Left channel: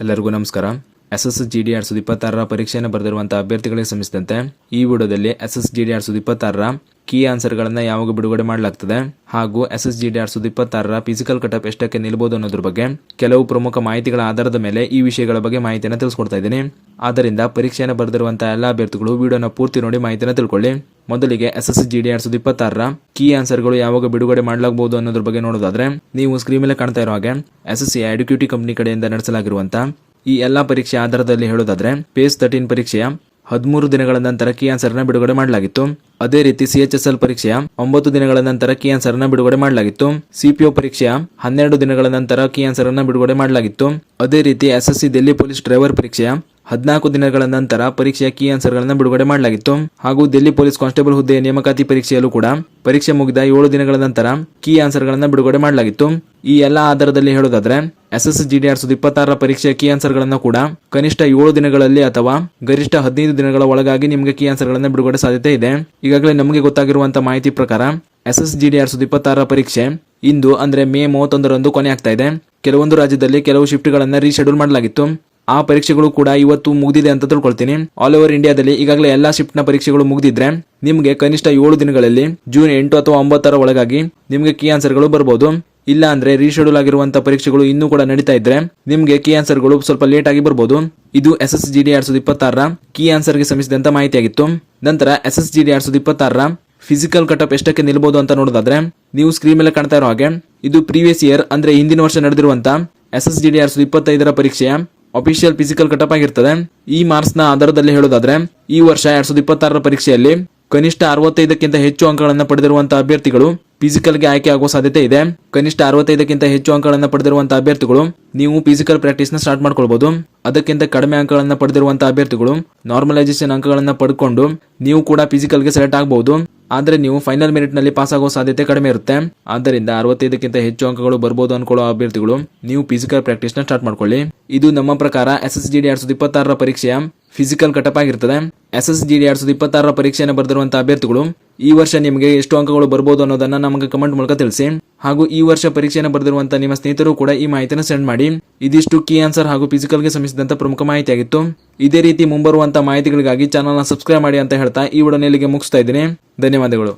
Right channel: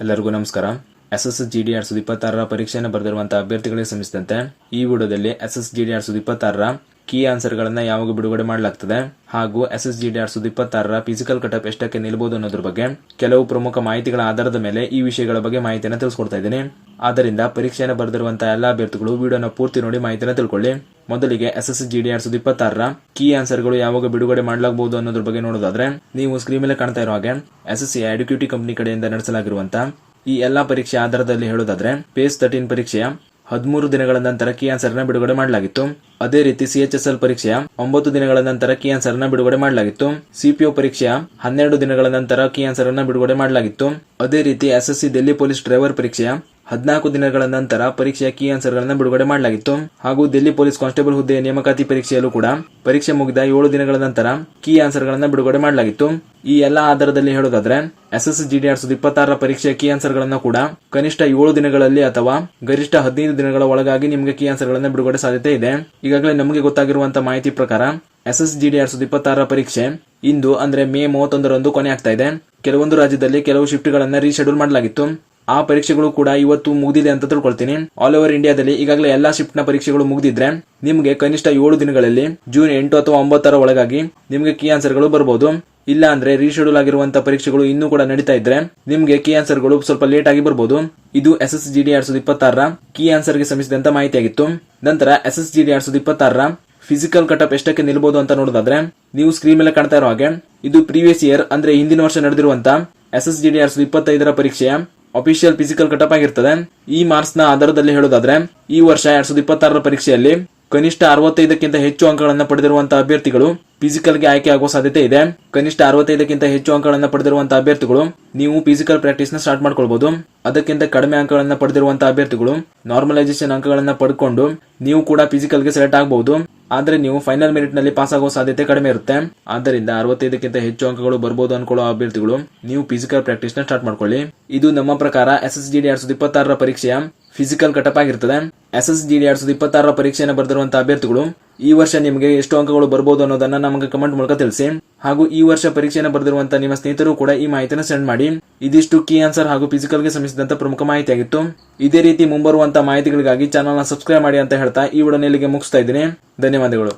ಎಲ್ಲರಿಗೂ ನಮಸ್ಕಾರ. SSGD 2026 ಪರೀಕ್ಷೆಯನ್ನು ಬರೆದಿರುವಂತಹ ಅಭ್ಯರ್ಥಿಗಳಿಗೆ ಸಂಬಂಧಿಸಿದಂತೆ ಈ ವಿಡಿಯೋದಲ್ಲಿ SSGD 2026 ಕೀ ಆನ್ಸರ್ಗಳನ್ನು ಯಾವಾಗ ಬಿಡುಗಡೆ ಮಾಡಲಾಗ್ತದೆ ಹಾಗೂ SSGD 2026 ಫಿಸಿಕಲ್ ಕಟಪ್ ಎಷ್ಟಕ್ಕೆ ನಿಲ್ಲಬಹುದು ಅನ್ನೋದ್ರ ಬಗ್ಗೆ ಕೆಲವು ಪ್ರಮುಖ ಮಾಹಿತಿಗಳ ಆಧಾರದ ಮೇಲೆ ಈ ವಿಷಯಗಳ ಬಗ್ಗೆ ಮಾಹಿತಿಯನ್ನು ತಿಳಿಸ್ಕೊಡ್ತಾ ಇದ್ದೀನಿ. ಆದ್ದರಿಂದ ಪರೀಕ್ಷೆಯನ್ನು ಬರೆದಿರುವಂತಹ ಎಲ್ಲ ಅಭ್ಯರ್ಥಿಗಳು ವಿಡಿಯೋನ ಪೂರ್ತಿ ನೋಡಿ ಮಾಹಿತಿಯನ್ನು ತಿಳ್ಕೊಳ್ಳಿ. ಮೊದಲಿಗೆ SSGD 2026 ಕೀ ಆನ್ಸರ್ಗಳು ಯಾವಾಗ ಬಿಡುಗಡೆ ಮಾಡಲಾಗಬಹುದು ಅನ್ನೋದ್ರ ಬಗ್ಗೆ ನೋಡೋದಾದ್ರೆ ನೀವು ಸ್ಕ್ರೀನ್ ಮೇಲೆ ಕಾಣ್ತಾ ಇರೋ ಹಾಗೆ SSC ಎಡ್ಯುಕೇಟಿ ಕಂಪನಿ ಕಡೆಯಿಂದ ನಡೆಸಲಾಗಿರುವಂತಹ ಈ ಎಲ್ಲಾ ಪರೀಕ್ಷೆ ಆಧಾರದಲ್ಲಿ ಹೇಳೋದಾದ್ರೆ ಪೇಸ್ 13 ಪರೀಕ್ಷೆಯ 13 ದಿನಗಳ ನಂತರ ಕೀ ಆನ್ಸರ್ ನ ಬಿಡುಗಡೆ ಮಾಡಲಾಗಿತ್ತು. ಅದೇ ರೀತಿ CHSL ಪರೀಕ್ಷೆಯ 9 ದಿನಗಳ ನಂತರ ಕೀ ಆನ್ಸರ್ ನ ಬಿಡುಗಡೆ ಮಾಡಲಾಗಿತ್ತು. CPO ಪರೀಕ್ಷೆಯ 12 ದಿನಗಳ ನಂತರ ಕೀ ಆನ್ಸರ್ ನ ಬಿಡುಗಡೆ ಮಾಡಲಾಗಿತ್ತು. ಅದೇ ರೀತಿ SSC ದಿಲ್ಲಿ ಪೊಲೀಸ್ ಡ್ರೈವರ್ ಪರೀಕ್ಷೆಯ 14 ದಿನಗಳ ನಂತರ ಪರೀಕ್ಷೆಯ ಕೀ ಆನ್ಸರ್ ಗಳನ್ನ ಬಿಡುಗಡೆ ಮಾಡಲಾಗಿತ್ತು. ಹಾಗೂ ದಿಲ್ಲಿ ಪೊಲೀಸ್ ಕಾನ್ಸ್ಟೇಬಲ್ ಹುದ್ದೆಯ ನೇಮಕಾತಿ ಪರೀಕ್ಷೆಯಲ್ಲೂ ಕೂಡ ಪರೀಕ್ಷೆ ಮುಗಿದ 7 ದಿನಗಳ ನಂತರ ಕೀ ಆನ್ಸರ್ ಗಳನ್ನ ಬಿಡುಗಡೆ ಮಾಡಲಾಗಿತ್ತು. ಈ ಎಲ್ಲಾ ಆಧಾರದಲ್ಲಿ ಹೇಳೋದಾದ್ರೆ SSGD 2026 ಪರೀಕ್ಷೆಯ ಕೀ ಆನ್ಸರ್ ಗಳನ್ನು ಕೂಡ ಕನಿಷ್ಠ 7 ದಿನಗಳಲ್ಲಿ ಅಥವಾ ಗರಿಷ್ಠ 15 ದಿನಗಳ ಒಳಗಾಗಿ ನಿಮಗೆ ಕೀ ಆನ್ಸರ್ ಗಳನ್ನ ಬಿಡುಗಡೆ ಸಾಧ್ಯತೆ ಇದೆ. ಈಗಾಗಲೇ ನಮಗೆ ಗೊತ್ತಾಗಿರುವಂತಹ ಮಾಹಿತಿ ಪ್ರಕಾರ SSGD 2026 ಪರೀಕ್ಷೆ ಇಂದು ಅಂದ್ರೆ ಮೇ 31ರಂದು ಕೊನೆ ಆಗ್ತಾ ಇದೆ. ಕೆಲವೊಂದು ರಾಜ್ಯದಲ್ಲಿ ಕೆಲವು ಶಿಫ್ಟ್ ಗಳನ್ನ ರೀಶೆಡ್ಯೂಲ್ ಮಾಡಲಾಗಿತ್ತು. ಆ ಪರೀಕ್ಷೆಗಳು ಕೂಡ ಇವತ್ತು ಮುಗಿದಿದೆ ಅಂತ ತಿಳ್ಕೊಳ್ತೀನಿ. ಆಲ್ ಓವರ್ ಇಂಡಿಯಾದಲ್ಲಿ ಈಗಾಗಲೇ ಎಲ್ಲಾ ಶಿಫ್ಟ್ ನ ಪರೀಕ್ಷೆಗಳು ಮುಗಿದಿದ್ರೆ ನಿಮಗೆ ಕನಿಷ್ಠ 7 ದಿನಗಳಲ್ಲಿ ಜೂನ್ 8 ಅಥವಾ 9 ಒಳಗಾಗಿ ನಿಮಗೆ ಕೀ ಆನ್ಸರ್ ಗಳು ಬರಬಹುದು. ಇಲ್ಲ ಅಂದ್ರೆ ರೀಶೆಡ್ಯೂಲ್ ಆಗಿರುವಂತಹ ಪರೀಕ್ಷೆಗಳು ಇನ್ನೂ ಕೂಡ ನಡೀತಾ ಇದ್ರೆ ನಿಮ್ಗೆ ಕೀ ಆನ್ಸರ್ ಗಳು ಸ್ವಲ್ಪ ಲೇಟ್ ಆಗಿ ಬರಬಹುದು. ಇದು SSGD 2026 ಕೀ ಆನ್ಸರ್ ಗೆ ಸಂಬಂಧಿಸಿದಂತ ಮಾಹಿತಿಯಾಗಿತ್ತು. ನಂತರ SSGD 2026 ಫಿಸಿಕಲ್ ಕಟಪ್ ಎಷ್ಟಕ್ಕೆ ನಿಲ್ಲಬಹುದು ಅಂತ ನೋಡೋದಾದ್ರೆ ನೀವು ಸ್ಕ್ರೀನ್ ಮೇಲೆ ಕಾಣ್ತಾ ಇರೋ ಹಾಗೆ ಇದು ಪ್ರೀವಿಯಸ್ ಇಯರ್ ಅಂದ್ರೆ ಹಿಂದಿನ ವರ್ಷ ನಡೆದಿರುವಂತ SSGD 2025 ಪರೀಕ್ಷೆಯ ಅಫಿಷಿಯಲ್ ಫಿಸಿಕಲ್ ಕಟಪ್ ಆಗಿರ್ತದೆ. ಈ ಮಾರ್ಕ್ಸ್ ನ ಆಧಾರದಲ್ಲಿ ಹೇಳೋದಾದ್ರೆ ಈ ವರ್ಷ 2026 ಪರೀಕ್ಷೆಯಲ್ಲಿ ಕನಿಷ್ಠ 65ಕ್ಕಿಂತ ಹೆಚ್ಚು ಅಂಕಗಳನ್ನು ಪಡೆದಿರುವಂತಹ ಅಭ್ಯರ್ಥಿಗಳು ಫಿಸಿಕಲ್ ಗೆ ಆಯ್ಕೆ ಆಗುವ ಸಾಧ್ಯತೆ ಇದೆ. ಕನಿಷ್ಠ 65ಕ್ಕಿಂತ ಹೆಚ್ಚು ಅಂಕಗಳನ್ನು ಪಡೆದಿರುವಂತಹ ಅಭ್ಯರ್ಥಿಗಳು ನೀವು ಫಿಸಿಕಲ್ ಪ್ರಾಕ್ಟೀಸ್ ನ ಸ್ಟಾರ್ಟ್ ಮಾಡ್ಕೊಳ್ಬಹುದು. ಅದಕ್ಕಿಂತ ಕಡಿಮೆ ಅಂಕಗಳನ್ನು ಪಡೆದಿರುವಂತಹ ಅಭ್ಯರ್ಥಿಗಳು ನಾರ್ಮಲೈಸೇಷನ್ ಅಂಕಗಳನ್ನು ಪಡೆದುಕೊಂಡು ನೀವು ಕೂಡ ಫಿಸಿಕಲ್ ಗೆ ಸೆಲೆಕ್ಟ್ ಆಗಬಹುದು. ಆದ್ರೆ ನೀವು ಫೈನಲ್ ಮೆರಿಟ್ ನಲ್ಲಿ ಪಾಸ್ ಆಗುವ ಸಾಧ್ಯತೆ ಕಡಿಮೆ ಇರುತ್ತೆ. ಆದ್ದರಿಂದ 65ಕ್ಕಿಂತ ಹೆಚ್ಚು ಅಂಕಗಳು ಬರಬಹುದು ಅನ್ಕೊಳ್ಳೋ ಅಭ್ಯರ್ಥಿಗಳು ನೀವು ಫಿಸಿಕಲ್ ಪ್ರಾಕ್ಟೀಸ್ ನ ಸ್ಟಾರ್ಟ್ ಮಾಡ್ಕೊಳ್ಳಿ. ಇದು ನಮ್ಮ ಪ್ರಕಾರ SSGD 2026 ಪರೀಕ್ಷೆಯ ಫಿಸಿಕಲ್ ಕಟಪ್ ಆಗಿರ್ತದೆ. SSGD 2026 ಪರೀಕ್ಷೆಯನ್ನು ಬರೆದಿರುವಂತಹ ಅಭ್ಯರ್ಥಿಗಳು ಈ ವರ್ಷ ನಿಮಗೆ ಎಷ್ಟು ಅಂಕಗಳು ಬರಬಹುದು ಅನ್ನೋದನ್ನ ನಮಗೆ ಕಮೆಂಟ್ ಮೂಲಕ ತಿಳಿಸಿ. ಹಾಗೂ ಈ ವರ್ಷ ಪರೀಕ್ಷೆಯನ್ನು ಬರೆದಿರುವಂತಹ ನಿಮ್ಮ ಸ್ನೇಹಿತರು ಕೂಡ ಈ ಮಾಹಿತಿಯನ್ನು ಸೆಂಡ್ ಮಾಡಿ. ಇದಿಷ್ಟು ಕೀ ಆನ್ಸರ್ ಹಾಗೂ ಫಿಸಿಕಲ್ ಗೆ ಸಂಬಂಧಿಸಿದಂತ ಪ್ರಮುಖ ಮಾಹಿತಿಯಾಗಿತ್ತು. ಇದೇ ರೀತಿ ಮುಂಬರುವಂತಹ ಮಾಹಿತಿಗಳಿಗಾಗಿ ಚಾನಲ್ ನ ಸಬ್ಸ್ಕ್ರೈಬ್ ಮಾಡಿ ಅಂತ ಹೇಳ್ತಾ ಈ ವಿಡಿಯೋನ ಇಲ್ಲಿಗೆ ಮುಗಿಸ್ತಾ ಇದ್ದೀನಿ. ಧನ್ಯವಾದಗಳು.